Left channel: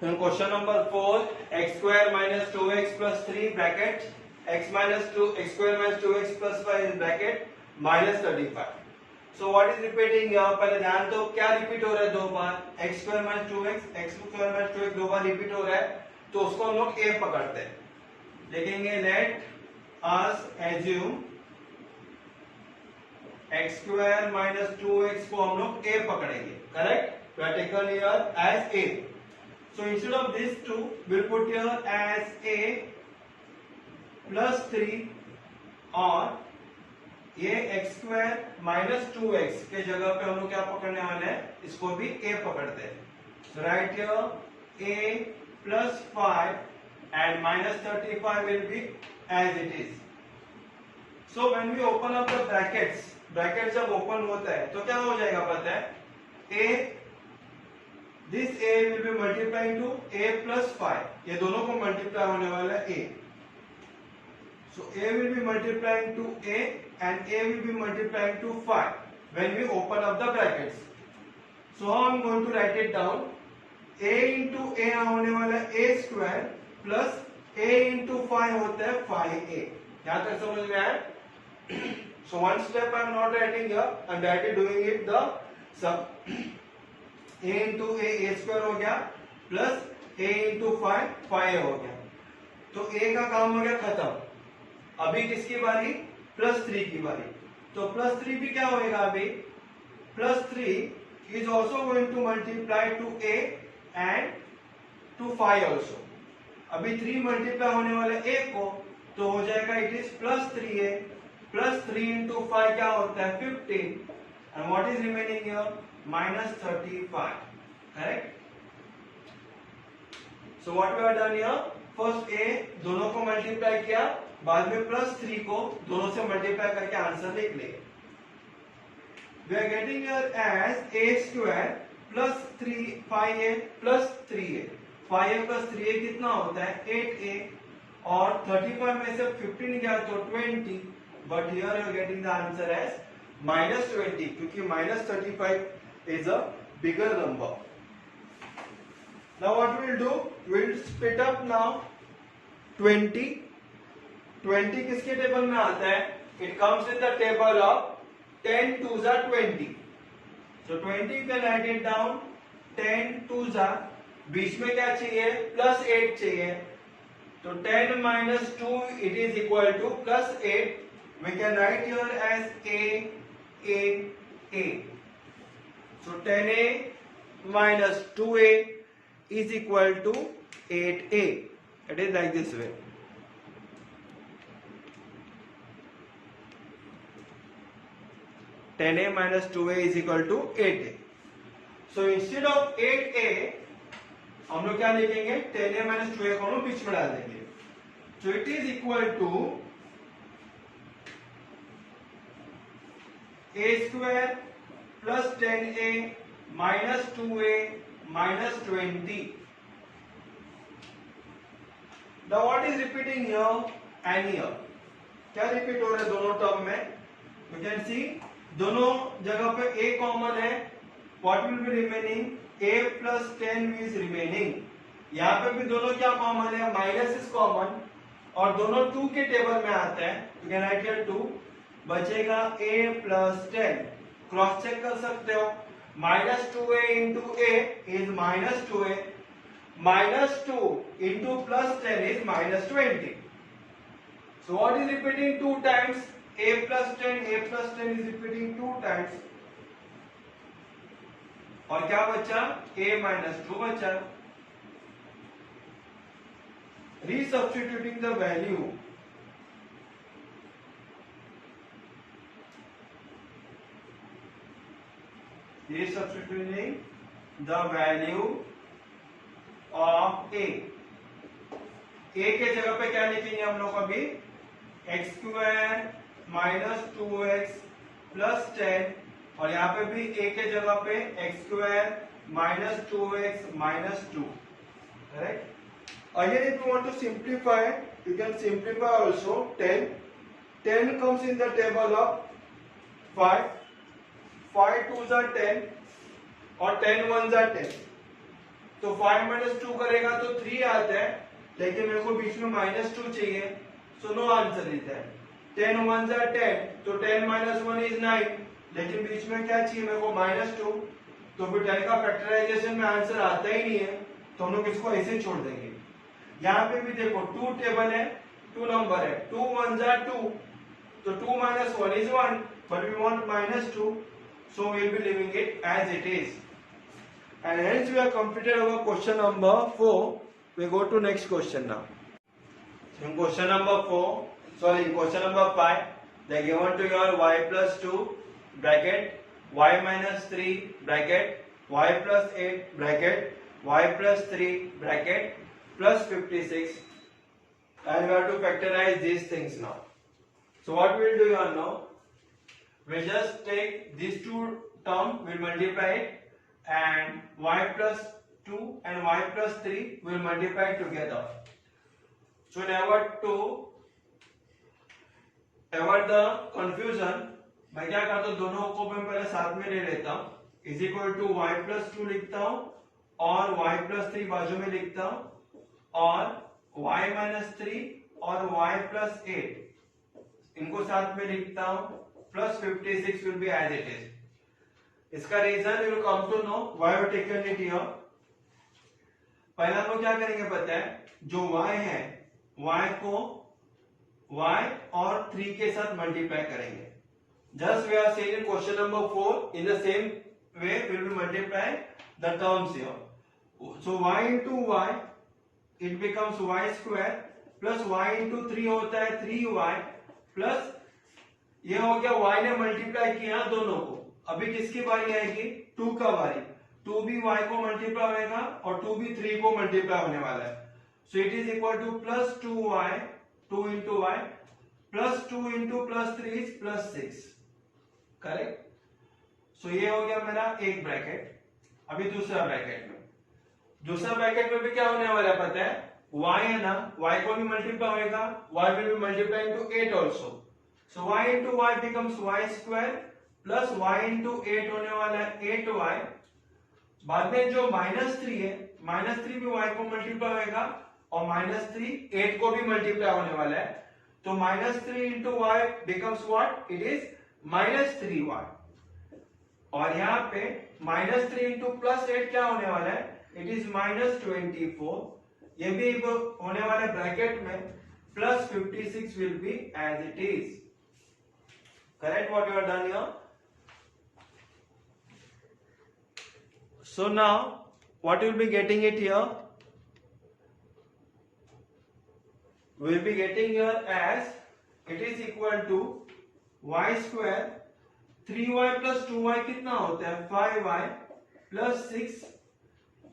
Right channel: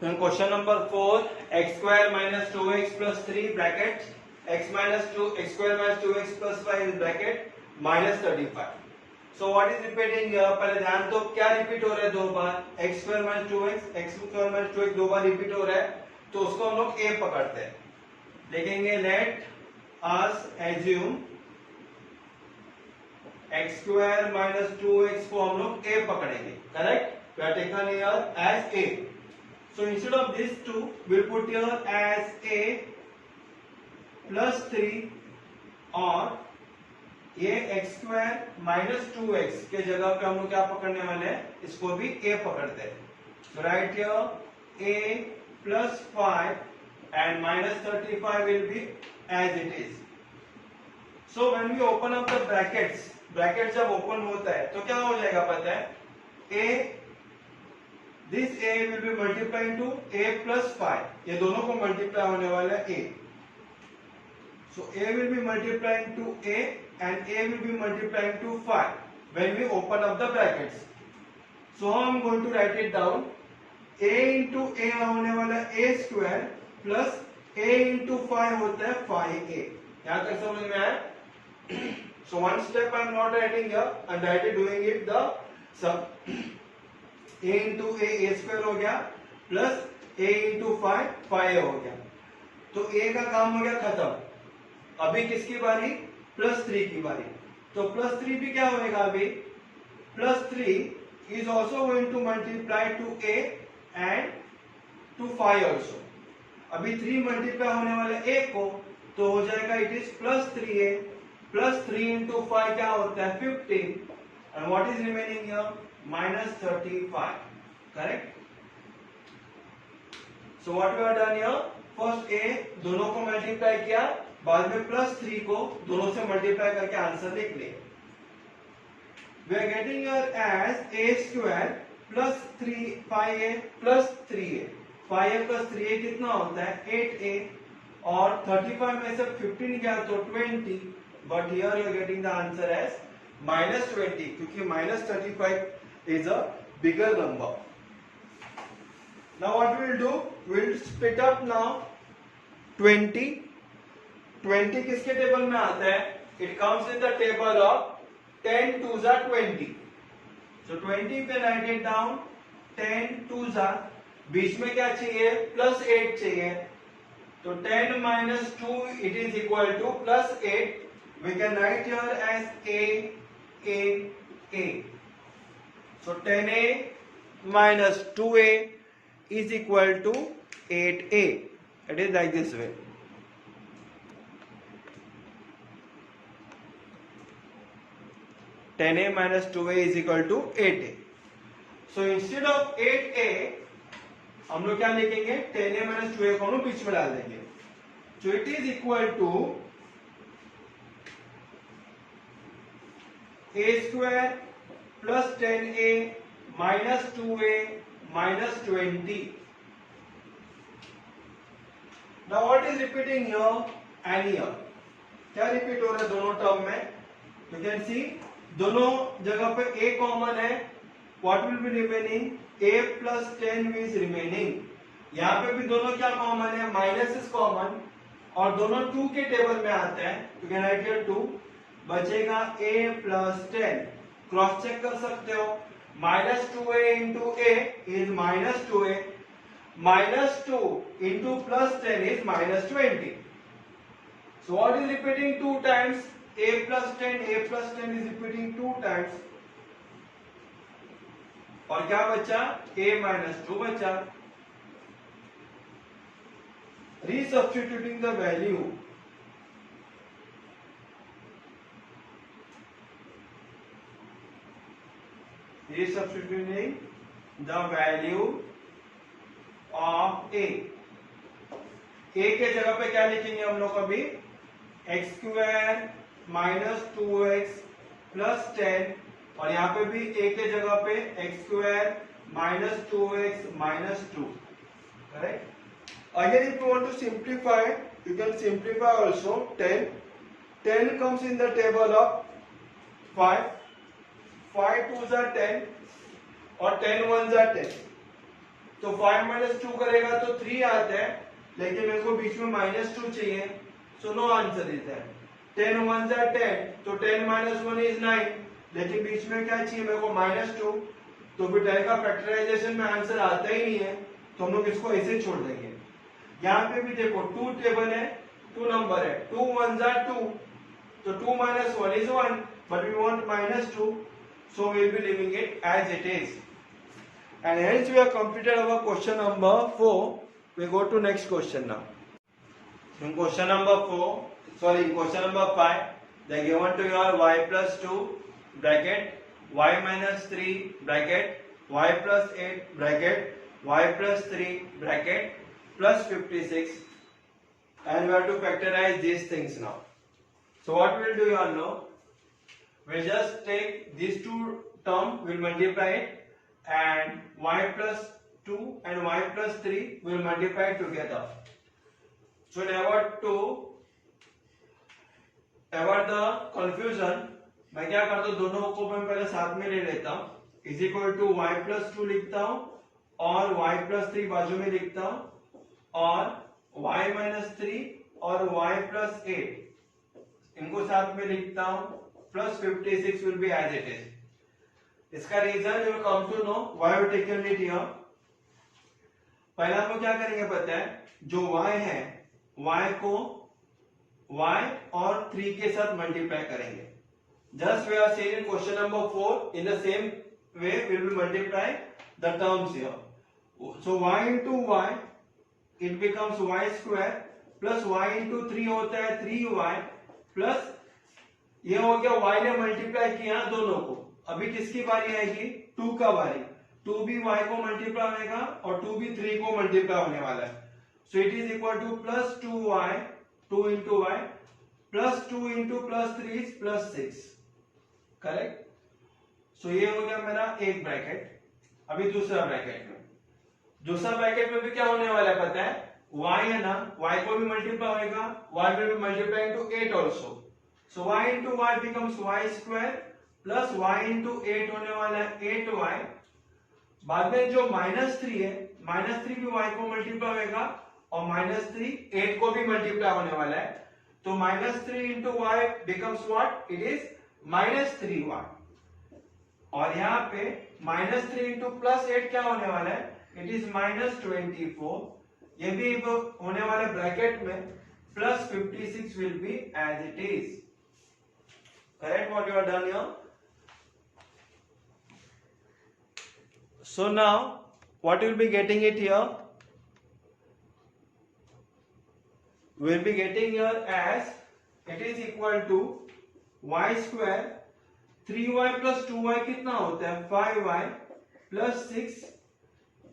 Then question number 4, x square minus 2x plus 3 bracket x minus 2 x square minus 2x plus 5 in bracket minus 35. So what is repeating here? पहले ध्यान दो क्या repeat हो रहा है दो बार, x square minus 2x x square minus 2x दो बार repeat हो रहा है, तो उसको हम लोग a पकड़ते हैं. लिखेंगे let us assume x square minus 2x को हम लोग a पकड़ेंगे. Correct? We are taken here as a. So instead of these two, we'll put here as a plus 3 और ये x square minus 2x के जगह पे हम लोग क्या पकड़ने वाले हैं, इसको भी a पकड़ते हैं. So right here a plus 5 and minus 35 will be as it is. So when we open up the brackets जब ओपन होता है तो क्या हो जाएगा पता है, a this a will be multiplying to a plus 5. ये दोनों को मल्टीप्लाई होने वाला है a. So a will be multiplying to a and a will be multiplying to 5 when we open up the brackets. So how I am going to write it down, a into a होने वाला a square plus a into 5 होता है 5a. यहाँ तक समझ में आया? So one step I am not writing here, I am directly doing it the sum. a into a square हो गया प्लस a into 5 5a हो गया. तो a का काम हो गया खत्म. अभी किसकी बारी? प्लस 3 की बारी. तो प्लस 3 भी क्या होएगा अभी? Plus 3 is also going to multiply to a and to 5 also. अभी 3 मल्टीप्लाई होने वाले a को, तो हो जाएगा it is plus 3a plus 3 into 5 क्या होता है 15 and what is remaining here minus 35. Correct? So what we have done here, first a दोनों को मल्टीप्लाई किया, बाद में प्लस 3 को दोनों से मल्टीप्लाई करके आंसर लिख ले. We are getting here as a square plus 3 5a plus 3a. 5a plus 3a कितना होता है 8a और 35 में से 15 गया तो 20. But here you are getting the answer as minus 20 क्योंकि minus 35 is a bigger number. Now what we will do, we will split up now 20. 20 किसके टेबल में आता है? It comes in the table of 10 twos are 20. So 20 पे write it down 10 twos are, बीच में क्या चाहिए? Plus 8 चाहिए. तो 10 minus 2 it is equal to plus 8. We can write here as a. So 10a minus 2a is equal to 8a. It is like this way. (10a minus 2a is equal to 8a. So instead of 8a हम लोग क्या लिखेंगे? 10a minus 2a को हम लोग बीच में डाल देंगे. So it is equal to a square plus 10a minus 2a minus 20. Now what is repeating here and here? क्या रिपीट हो रहा है दोनों टर्म में? You can see दोनों जगह पे a कॉमन है. What will be remaining? a plus 10 is remaining. यहाँ पे भी दोनों क्या कॉमन है? माइनस इज कॉमन और दोनों 2 के टेबल में आते हैं. You can write here 2. बचेगा a plus 10. क्रॉस चेक कर सकते हो. Minus 2a into a is minus 2a. Minus 2 into plus 10 is minus 20. So what is repeating 2 times? a plus 10 is repeating 2 times. और क्या बचा? a minus 2 बचा. Resubstituting the value. Resubstituting the value of a. a के जगह पे क्या लिखेंगे हम लोग अभी? x square minus 2x plus 10 और यहाँ पे भी a के जगह पे x square minus 2x minus 2. Right? Again, if you want to simplify, you can simplify also 10. 10 comes in the table of 5. 5 2s are 10 और 10 1s are 10. तो 5 minus 2 करेगा तो 3 आता है, लेकिन मेरे को बीच में -2 चाहिए, so no answer is that. 10 1s are 10, तो 10 minus 1 is 9, लेकिन बीच में क्या चाहिए मेरे को -2, तो फिर 10 का फैक्टराइजेशन में आंसर आता ही नहीं है, तो हम लोग इसको ऐसे ही छोड़ देंगे। यहाँ पे भी देखो 2 टेबल है, 2 नंबर है, 2 1s are 2, तो 2 minus 1 is 1, but we want -2, so we will be leaving it as it is. And hence we have completed our question number 4. We go to next question now. In question number 5, they given to your y plus 2 bracket, y minus 3 bracket, y plus 8 bracket, y plus 3 bracket, plus 56, and we have to factorize these things now. So what we will do here now, we just take these two terms, we will multiply it, and y plus 2 and y plus 3 will multiply together. So never to avoid the confusion, मैं क्या करता हूँ, दोनों को मैं पहले साथ में ले लेता हूँ, is equal to y plus 2 लिखता हूँ और y प्लस 3 बाजू में लिखता हूँ, और y माइनस 3 और y प्लस 8 इनको साथ में लिखता हूँ, plus 56 will be as it is. इसका reason you will come to know why we taken it here. पहले हम लोग क्या करेंगे पता है, जो y है y को y और 3 के साथ मल्टीप्लाई करेंगे। Just we are saying in question number 4, in the same way we will multiply the terms here. So y into y it becomes y square plus y into 3 होता है 3y plus ये हो गया y ने multiply किया दोनों को। अभी किसकी बारी आएगी, 2 का बारी, 2 भी y को मल्टीप्लाई होगा और 2 भी 3 को मल्टीप्लाई होने वाला है। So it is equal to plus 2y, 2 into y plus 2 into plus 3 is plus 6, correct. So ये हो गया मेरा एक ब्रैकेट। अभी दूसरा ब्रैकेट में, दूसरा ब्रैकेट में भी क्या होने वाला है पता है, y है ना, y को भी मल्टीप्लाई होगा, y will be multiply into 8 also. So y into y becomes y square plus y into 8 होने वाला है 8y। बाद में जो -3 है, -3 भी y को मल्टीप्लाई होगा और -3 8 को भी मल्टीप्लाई होने वाला है, तो -3 into y becomes what, it is -3y। और यहाँ पे -3 into +8 क्या होने वाला है, इट इज -24। ये भी होने वाले ब्रैकेट में plus 56 will be as it is, correct what you are done here. So now what we'll be getting it here, we'll be getting here as it is equal to y square 3y plus 2y कितना होता है 5y plus 6,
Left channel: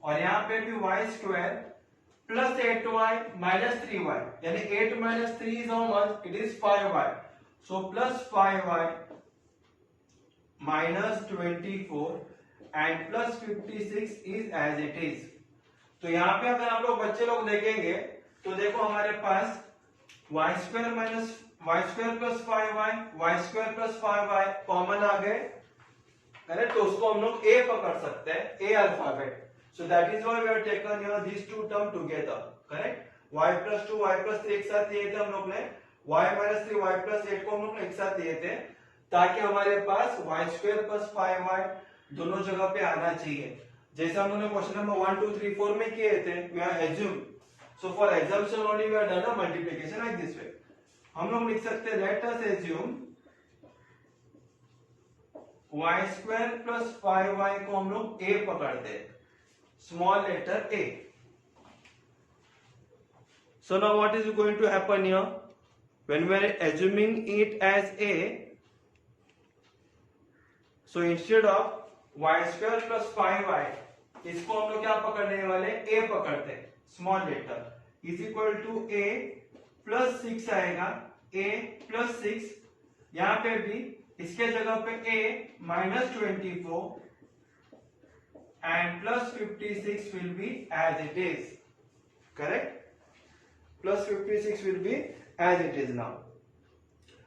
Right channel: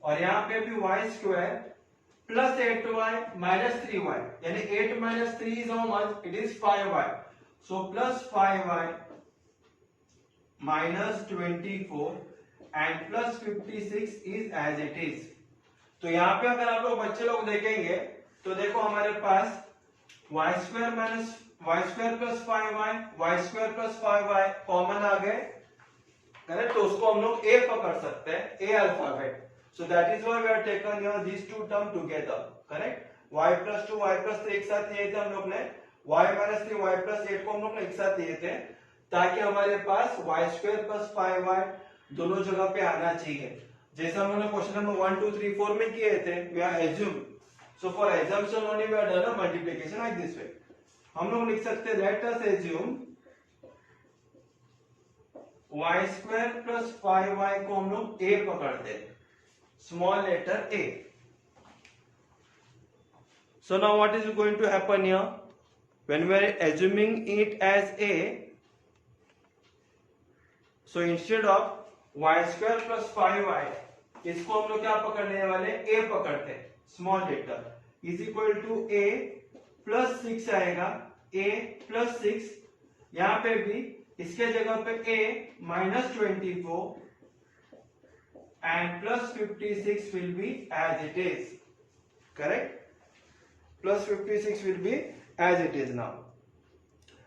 और यहाँ पे भी y square plus 8y minus 3y, यानी 8 minus 3 is how much, it is 5y, so plus 5y minus 24 and plus 56 is as it is। तो यहाँ पे अगर आप लोग बच्चे लोग देखेंगे तो देखो हमारे पास y square minus y square plus 5y, y square plus 5y common आ गए, करेक्ट। तो उसको हम लोग a पकड़ सकते हैं, a alphabet. So that is why we are taken here these two term together, correct. y plus 2 y plus 3 एक साथ लिए थे हम लोग ने, y माइनस 3 y प्लस 8 को हम लोग ने एक साथ लिए थे, ताकि हमारे पास y स्क्वायर प्लस 5y दोनों जगह पे आना चाहिए, जैसे हम लोगों ने क्वेश्चन नंबर 1 2 3 4 में किए थे। We are assume, so for exemption only we are done a multiplication like this way. हम लोग लिख सकते हैं let us assume y square plus 5y को हम लोग a पकड़ते हैं, small letter a। So now what is going to happen here, when we are assuming it as a, so instead of y square plus 5y इसको हम लोग क्या पकड़ने वाले, a पकड़ते हैं, small letter is equal to a plus 6 आएगा, a plus 6, यहां पे भी इसके जगह पे a minus 24 and plus 56 will be as it is, correct. Plus 56 will be as it is now.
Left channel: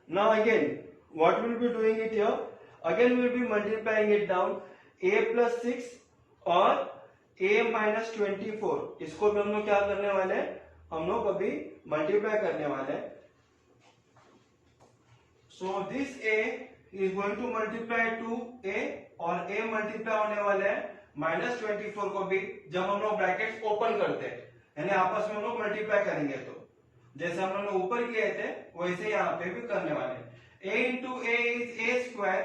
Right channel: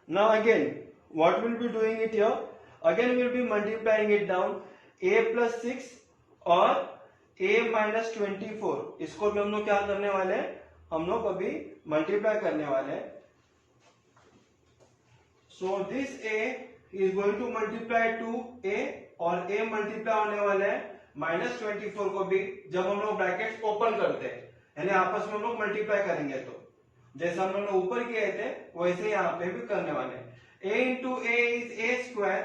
Now again what will be doing it here, again we will be multiplying it down, a plus 6 और a minus 24, इसको भी हम लोग क्या करने वाले हैं, हम लोग अभी मल्टीप्लाई करने वाले हैं. So this a is going to multiply two a, और a मल्टीप्लाई होने वाले हैं माइनस 24 को भी जब हम लोग ब्रैकेट ओपन करते हैं, यानी आपस में हम लोग मल्टीप्लाई करेंगे. तो जैसा हम लोग ऊपर किए थे वैसे यहाँ पे भी करने वाले हैं. a into a is a square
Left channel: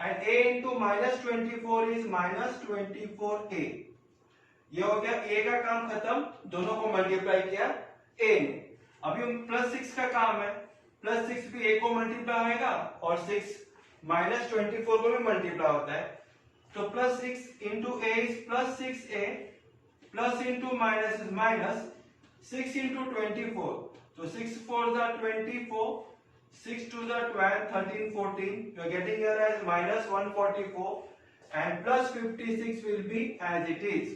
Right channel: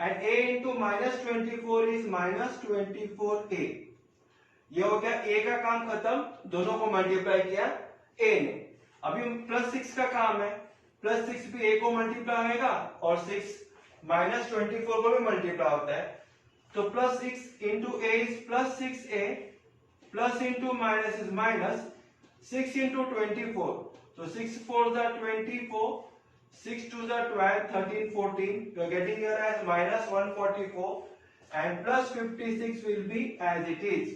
and a into minus 24 is minus 24a. ये हो गया a का काम खत्म, दोनों को मल्टीप्लाई किया a ने. अभी प्लस 6 का काम है, प्लस 6 भी a को मल्टीप्लाई होगा और 6 माइनस 24 को भी मल्टीप्लाई होता है. तो plus 6 into a is plus 6a, plus into minus is minus 6 into 24. So 6 4s are 24, 6 2s are 12, 13, 14. You are getting here as minus 144 and plus 56 will be as it is.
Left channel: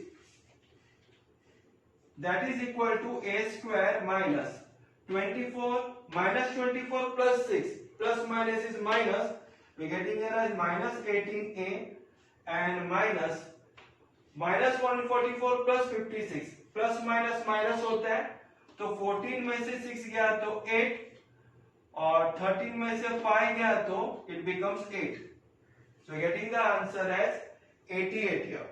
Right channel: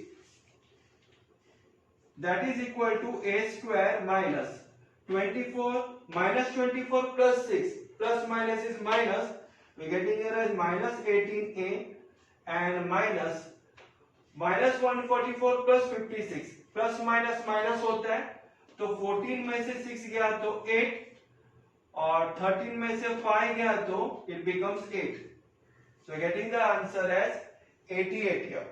That is equal to a square minus 24 minus 24 plus 6 plus minus is minus. We are getting here as minus 18a and minus 144 plus 56. Plus minus minus होता है, तो 14 में से 6 गया तो 8 और 13 में से 5 गया तो it becomes 8. So getting the answer as 88 here.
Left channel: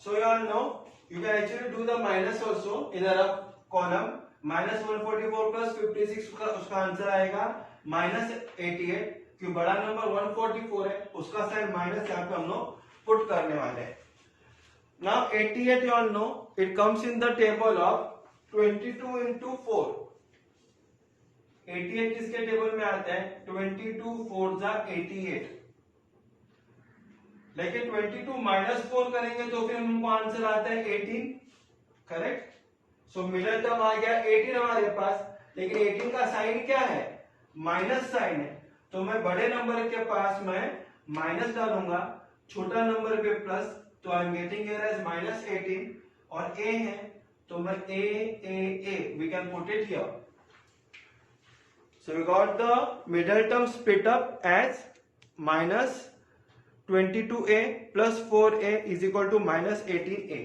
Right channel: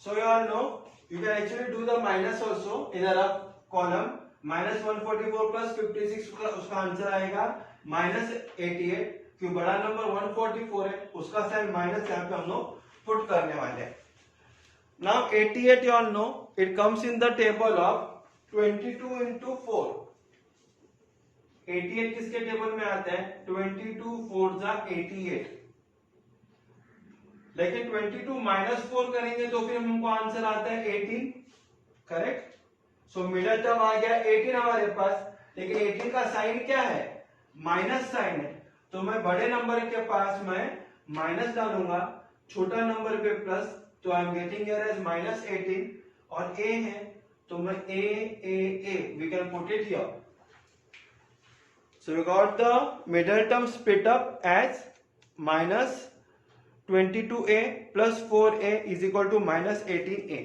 So you all know you can actually do the minus also in a rough column. minus 144 plus 56 उसका आंसर आएगा minus 88. क्यों बड़ा नंबर 144 है, उसका साइड माइनस यहाँ पे हम लोग पुट करने वाले हैं. Now 88 you all know it comes in the table of 22 into 4. 88 किसके टेबल में आता है, 22 4 जा 88. लेकिन 22 माइनस 4 करेंगे तो फिर हमको आंसर आता है 18. करेक्ट. सो मिडिल टर्म आ गया 18 हमारे पास, लेकिन 18 का साइन क्या है, माइनस साइन है. तो मैं बड़े नंबर के पास मैं माइनस डालूंगा, छोटा नंबर पे प्लस. तो I am getting here as minus 18 और a है तो मैं a we can put it here. So we got the middle term split up as minus 22a plus 4a is equal to minus 18a.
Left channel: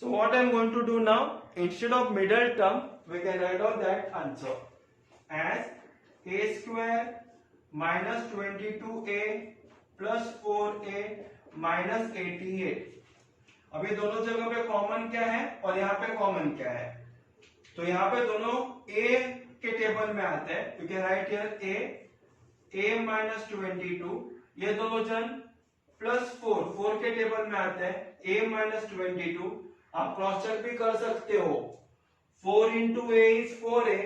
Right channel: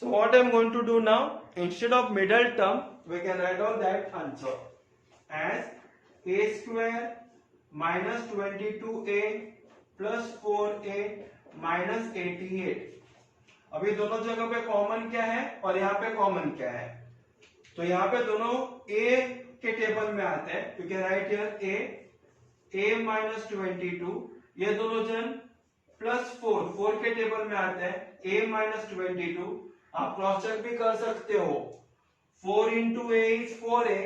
So what I am going to do now, instead of middle term we can write out that answer as a square minus 22a plus 4a minus 88. अभी दोनों जगह पे common क्या है और यहाँ पे common क्या है, तो यहाँ पे दोनों a के टेबल में आते हैं. You can write here a minus 22. ये दोनों जन प्लस 4 के टेबल में आते हैं, a माइनस 22. आप क्रॉस चेक भी कर सकते हो. 4 into a is 4a,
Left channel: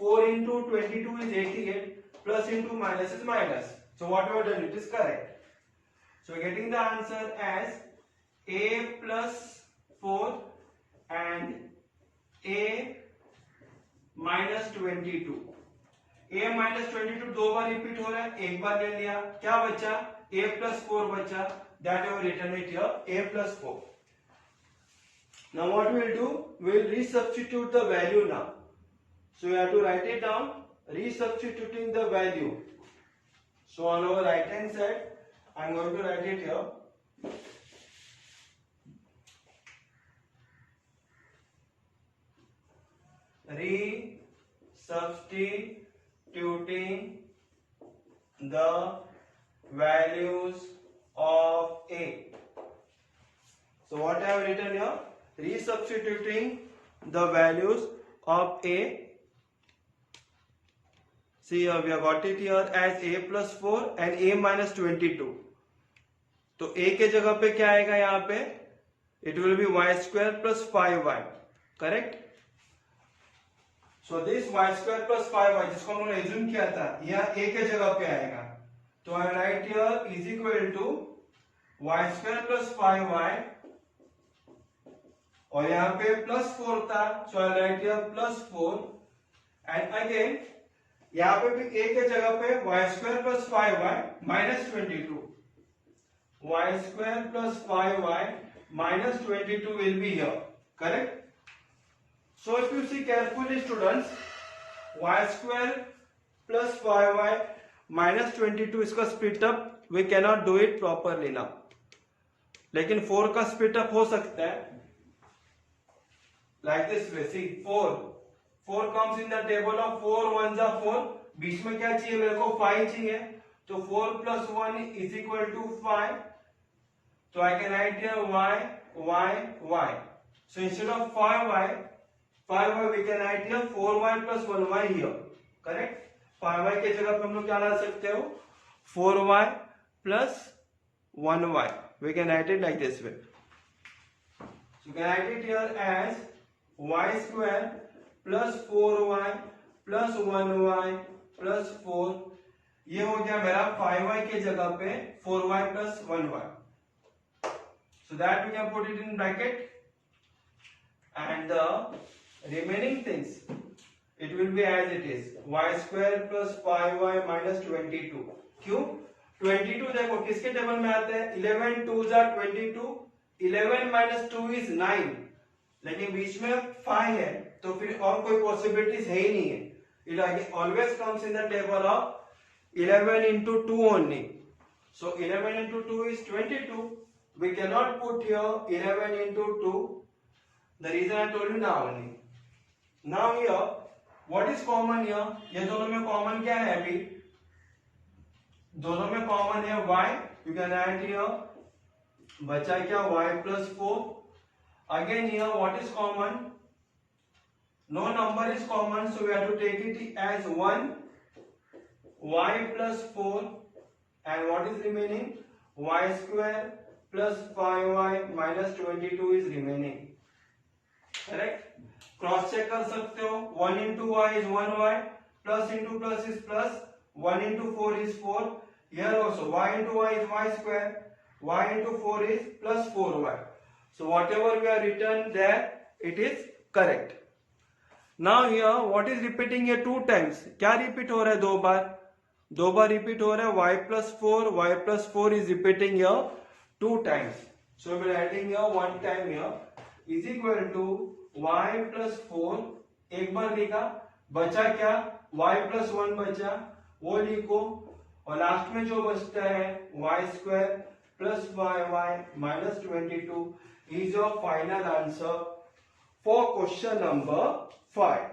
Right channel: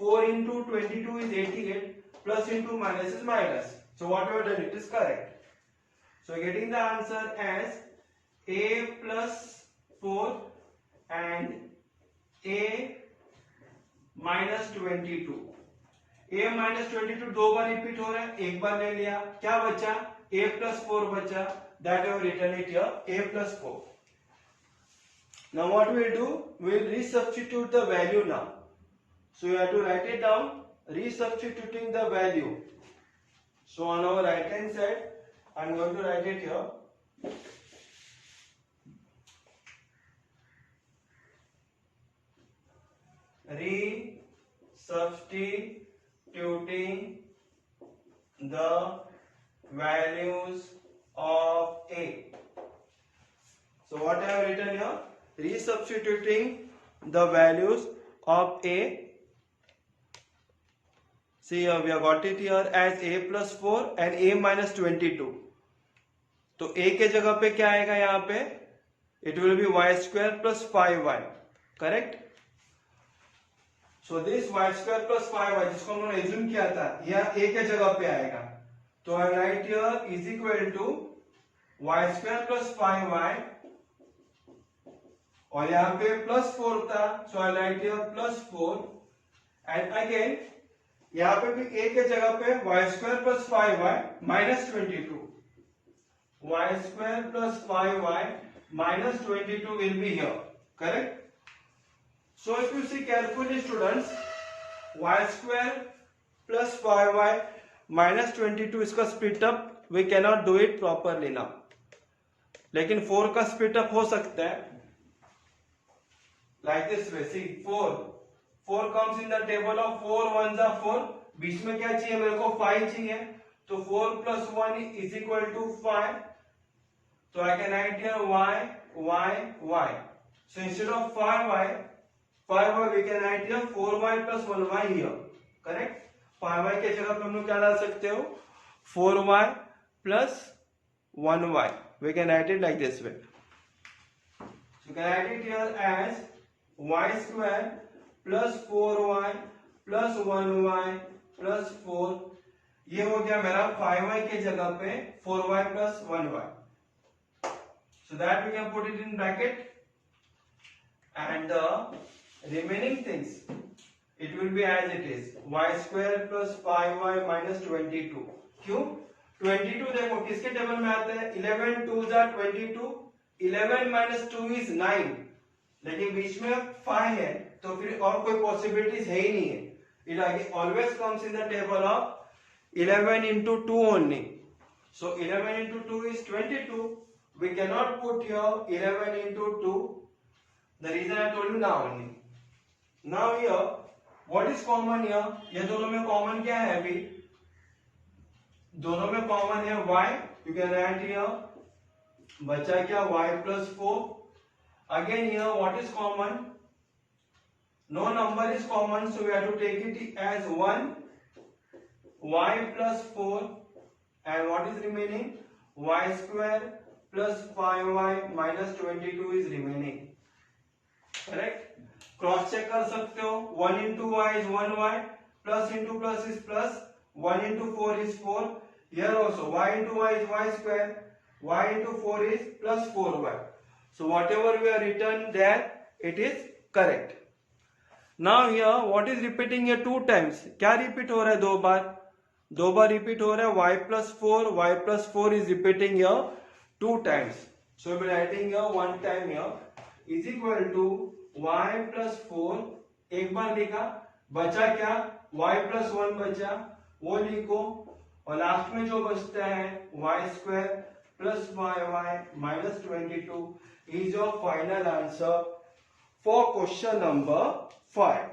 4 into 22 is 88, plus into minus is minus. So what we have done, it is correct. So getting the answer as a plus 4 and a minus 22. a minus 22 दो बार repeat हो रहा है, एक बार ले लिया, क्या बचा, a plus 4 बचा. That we have written it here, a plus 4. Now what we will do, we will resubstitute the value now. So you have to write it down, resubstituting the value. So on our right hand side I am going to write it here. Resubstituting the values of a. So what I have written here? Resubstituting the values of a. See here we have got it here as a plus 4 and a minus 22. तो a के जगह पे क्या आएगा, यहाँ पे it will be y square plus 5y. Correct. So this y square plus 5y जिसको हमने एज्यूम किया था यह a के जगह पे आएगा. तो I write here is equal to y square plus 5y और यहाँ पे प्लस 4 था, so I write here plus 4 and again यहाँ पे भी a के जगह पे y square plus 5y minus 22. y square plus 5y minus 22 will be here. Correct? So if you see carefully students, y square plus 5y minus 22 इसका split up we cannot do it properly now. लेकिन 4 का split up हो सकता है like this way. See 4 comes in the table of 4 1 जा 4, बीच में क्या चाहिए मेरे को 5 चाहिए, तो 4 plus 1 is equal to 5. So I can write here y. So instead of 5y we can write here 4y plus 1y here. Correct? 5y के जगह पे हम लोग क्या डाल सकते हो 4y plus 1y. We can write it like this way. So you can write it here as y square plus 4y plus 1y plus 4. ये हो गया मेरा 5y के जगह पे 4y plus 1y. So that we can put it in bracket, and the remaining things it will be as it is, y square plus 5y minus 22. क्यों 22 देखो किसके टेबल में आता है 11 2 जा 22, 11 minus 2 is 9, लेकिन बीच में 5 है तो फिर और कोई पॉसिबिलिटीज है ही नहीं है. It always comes in the table of 11 into 2 only. So 11 into 2 is 22. We cannot put here 11 into 2. The reason I told you now only. Now here, what is common here? ये दोनों में common क्या है अभी? दोनों में common है y. You can write here. बचा क्या y plus 4. Again here, what is common? No number is common, so we have to take it as 1. Y plus 4, and what is remaining? Y square plus 5y minus 22 is remaining. Correct? Cross check कर सकते हो. 1 into y is 1y, plus into plus is plus, 1 into 4 is 4. Here also y into y is y square, y into 4 is plus 4y. So whatever we are written there, it is correct. Now here what is repeating here 2 times? क्या repeat हो रहा है दो बार repeat हो रहा है y plus 4 is repeating here 2 times. So we are writing here 1 time here is equal to y plus 4. एक बार लिखा, बचा क्या y plus 1 बचा, वो लिखो, और लास्ट में जो बचता है y square plus 5y minus 22 is your final answer for question number 5.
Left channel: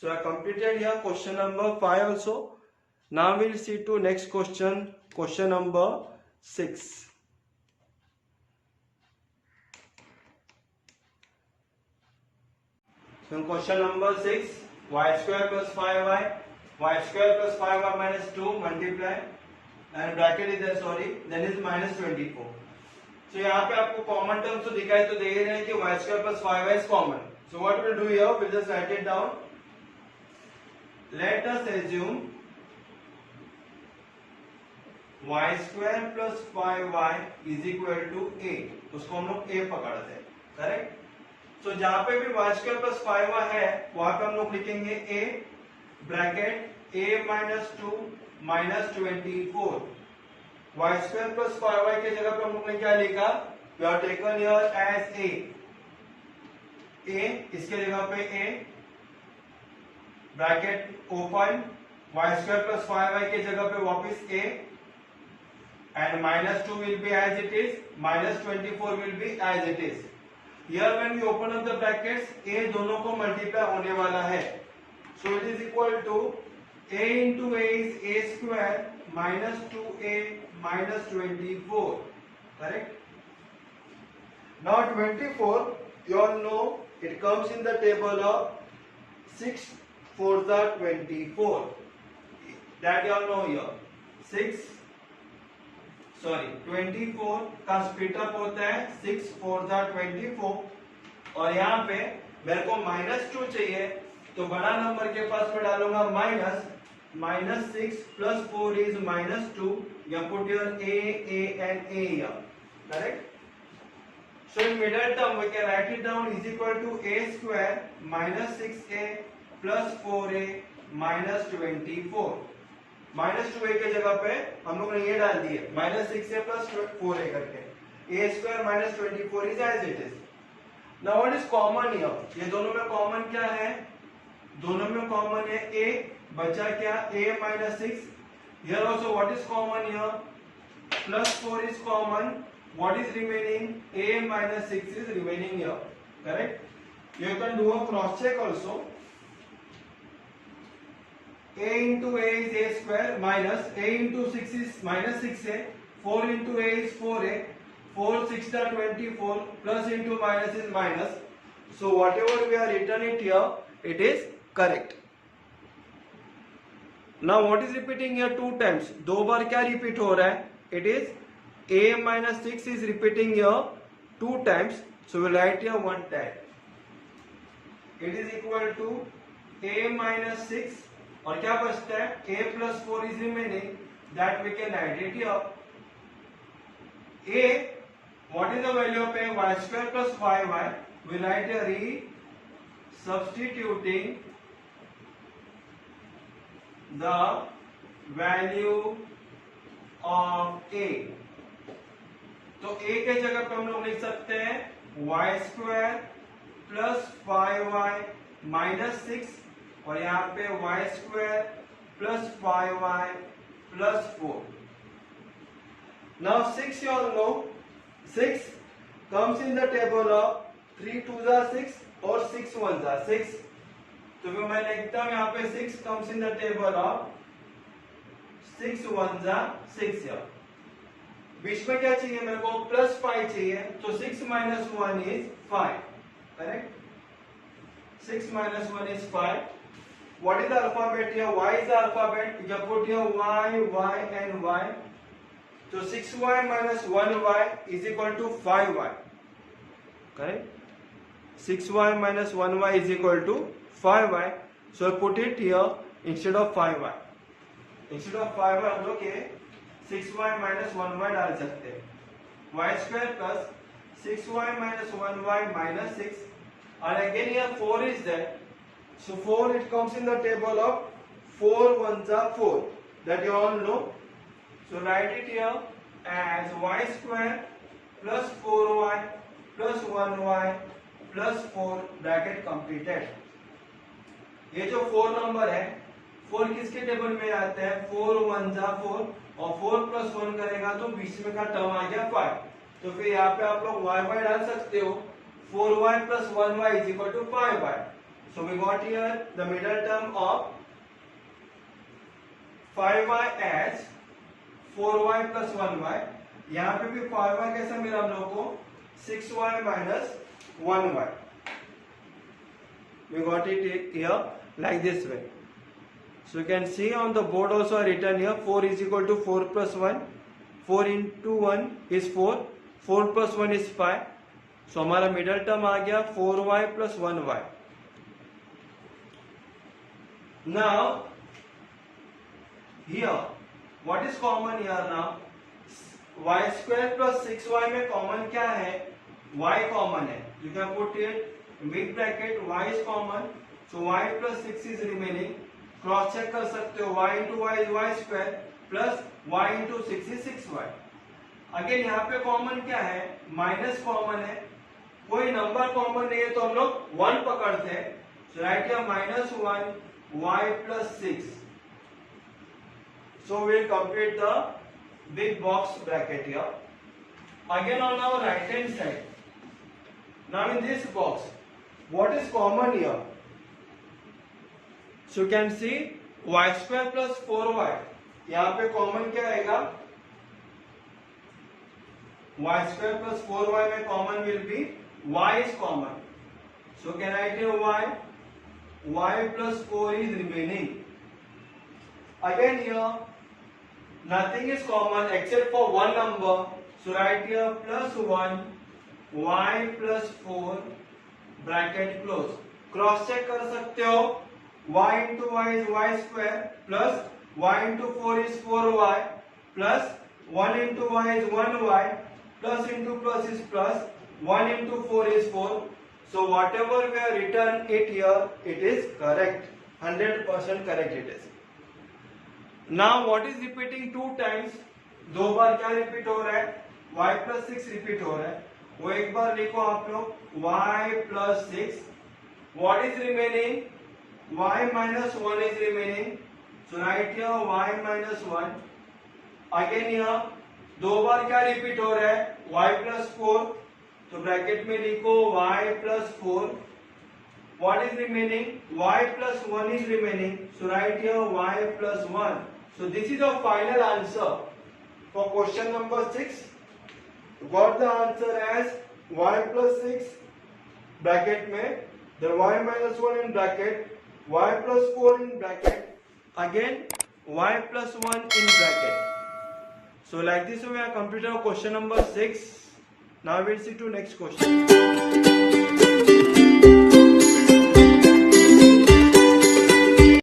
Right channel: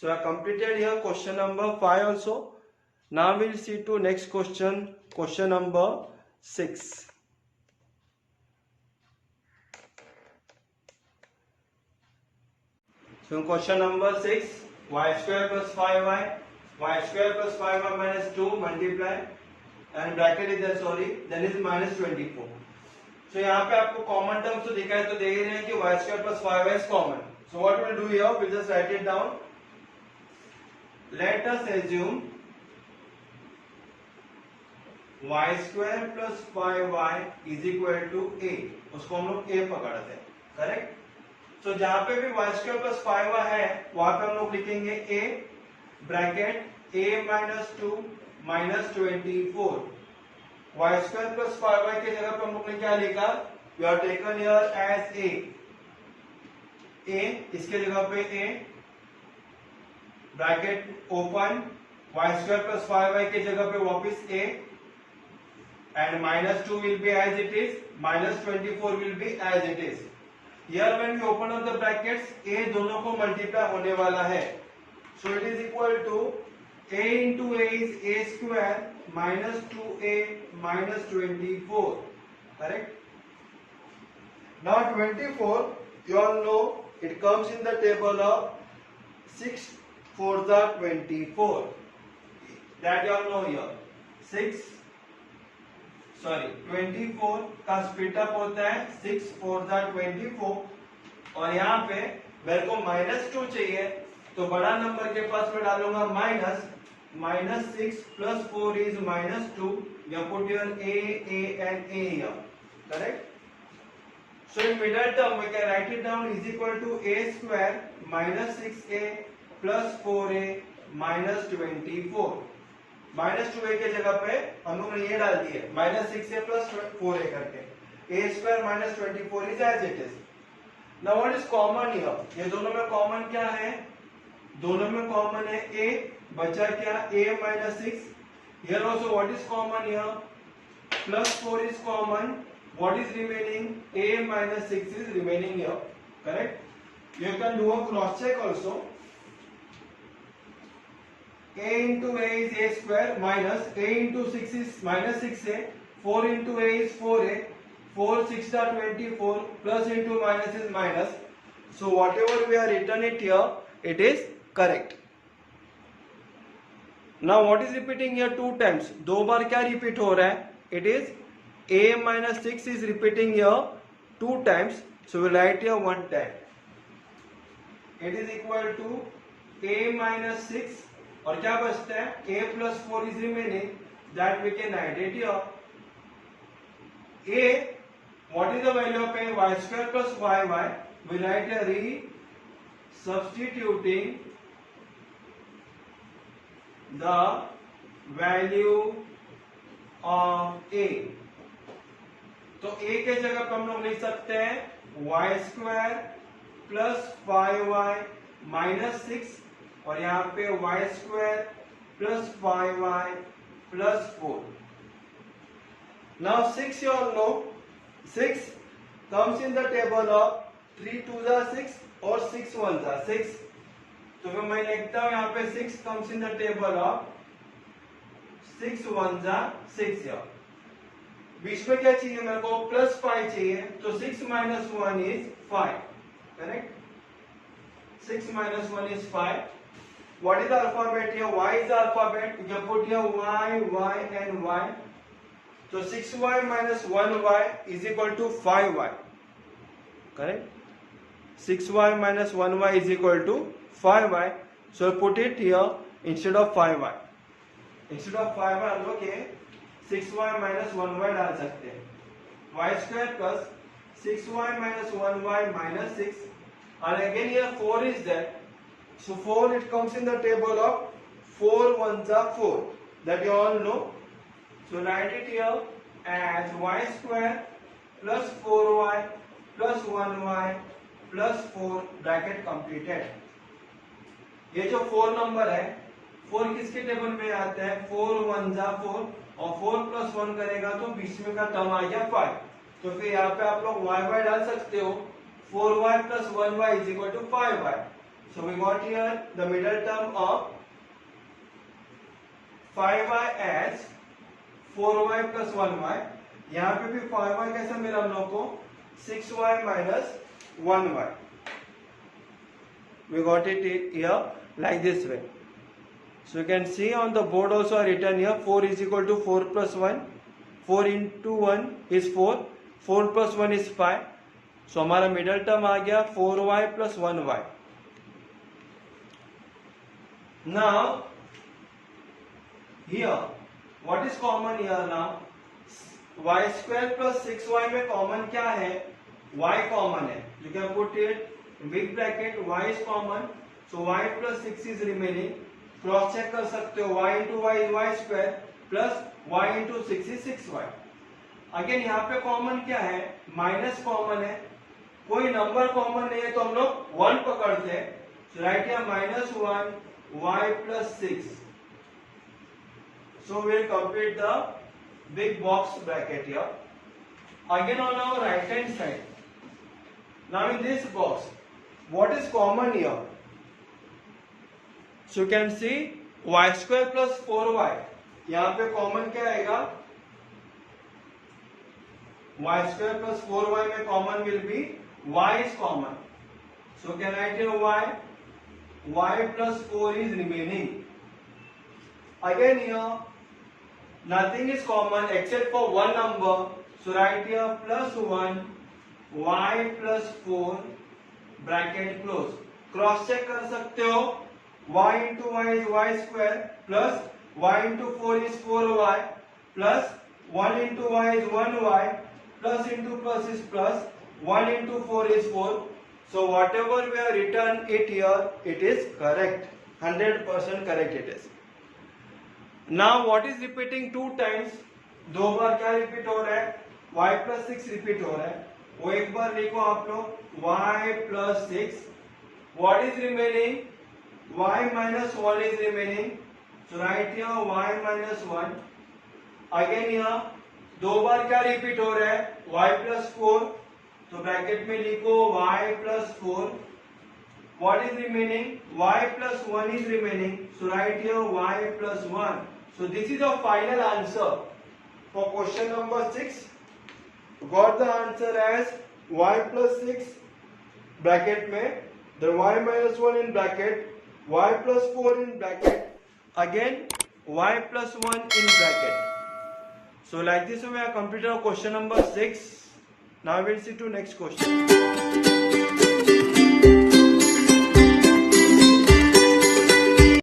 So I completed here question number 5 also. Now we'll see to next question number 6. So question number 6, y square plus 5y minus 2 multiply, and bracket is there, sorry, then is minus 24. So यहाँ पे आपको common terms तो दिखाई तो दे ही रहे हैं कि y square plus 5y is common. So what we'll do here, we'll just write it down. Let us assume y square plus 5y is equal to a. उसको हम लोग a पकड़ते हैं. करेक्ट? तो जहां पे भी y square plus 5y है वहां पे हम लोग लिखेंगे a bracket a minus 2 minus 24. y square plus 5y के जगह पे हम लोग ने क्या लिखा? We are taken here as a. इसके जगह पे a bracket open, y square plus 5y के जगह पे वापस a, and minus 2 will be as it is, minus 24 will be as it is. Here when we open up the brackets, a दोनों को multiply होने वाला है. So it is equal to a into a is a square minus 2a minus 24. Correct? Now 24, you all know it comes in the table of 6 4 the 24. That you all know here. 24 का split up होता है 6 4 the 24, और यहाँ पे मेरे को -2 चाहिए, तो बड़ा नंबर के पास मैं डालूंगा -6 plus 4 is -2. You put your a and a here. Correct? So in middle term we can write it down is equal to a square minus 6a plus 4a minus 24. -2a के जगह पे हम लोग ने ये डाल दिए -6a plus 4a करके. a square minus 24 is as it is. Now what is common here? ये दोनों में कॉमन क्या है? दोनों में कॉमन है a, बचा क्या a minus 6. Here also what is common here? Plus 4 is common, what is remaining? A minus 6 is remaining here, correct? You can do a cross check also. A into A is A square minus A into 6 is minus 6A, 4 into A is 4A, 4 6 are 24, plus into minus is minus. So whatever we are written it here, it is correct. Now what is repeating here two times? दो बार क्या repeat हो रहा है? It is A minus 6 is repeating here two times. So we write here one time. It is equal to A minus 6 और क्या बचता है? A plus 4 is remaining. That we can write it here. A, what is the value of A? Y square plus 5y. We write here substituting the value of A. तो A के जगह पर हम लोग लिख सकते हैं y square plus 5y minus 6 और यहाँ पे y square plus 5y plus 4. Now 6 you all know 6 comes in the table of 3 2s are 6 और 6 1s are 6. तो फिर मैं लिखता हूं यहाँ पे 6 comes in the table of 6 1s are 6 here. बीच में क्या चाहिए मेरे को? प्लस 5 चाहिए. तो 6 minus 1 is 5. Correct? 6 minus 1 is 5. What is the alphabet here? Y is the alphabet. You can put here y, y and y. So 6y minus 1y is equal to 5y. Correct? 6y minus 1y is equal to 5y. So put it here instead of 5y. Instead of 5y हम लोग ये 6y minus 1y डाल सकते हैं. Y square plus 6y minus 1y minus 6. And again here 4 is there. So 4 it comes in the table of 4 1s are 4. That you all know. So write it here as y square plus 4y plus 1y plus 4 bracket completed. ये जो 4 number है 4 किसके table में आता है? 4 1s are 4 और 4 plus 1 करेगा तो बीच में का टर्म आ गया 5. तो फिर यहाँ पे आप लोग y y डाल सकते हो. 4y plus 1y is equal to 5y. So we got here the middle term of 5y as 4y plus 1y. यहाँ पे भी 5y कैसे मिला हम लोग को? 6y minus 1y. We got it here like this way. So you can see on the board also written here 4 is equal to 4 plus 1. 4 into 1 is 4. 4 plus 1 is 5. So हमारा middle term आ गया 4y plus 1y. Now here what is common here now? Y square plus 6y में common क्या है? Y common है. You can put it in big bracket. Y is common. So y plus 6 is remaining. Cross check कर सकते हो. y into y is y square plus y into 6 is 6y. Again यहाँ पे common क्या है? Minus common है. कोई number common नहीं है तो हम लोग 1 पकड़ते हैं. So right here minus 1 y plus 6. So we'll complete the big box bracket here. Again on our right hand side. Now in this box, what is common here? So you can see y square plus 4y. यहाँ पे common क्या आएगा? y square plus 4y में common will be y is common. So can I do y plus 4 is remaining. Again here nothing is common except for one number. So write here plus 1 y plus 4 bracket close. Cross check कर सकते हो. y into y is y square plus y into 4 is 4y plus 1 into y is 1y plus into plus is plus 1 into 4 is 4. So whatever we have written it here, it is correct. 100% correct it is. Now what is repeating two times? दो बार क्या repeat हो रहा है? y plus 6 repeat हो रहा है. वो एक बार लिखो आप लोग y plus 6. What is remaining? y minus 1 is remaining. So write here y minus 1. Again here दो बार क्या रिपीट हो रहा है, y प्लस 4, तो ब्रैकेट में लिखो y plus 4. What is remaining? Y plus 1 is remaining. So write here y plus 1. So this is your final answer for question number 6. Got the answer as y plus 6 bracket में, then y minus 1 in bracket, y plus 4 in bracket, again y plus 1 in bracket. So like this we have completed our question number 6. Now we'll see to next question.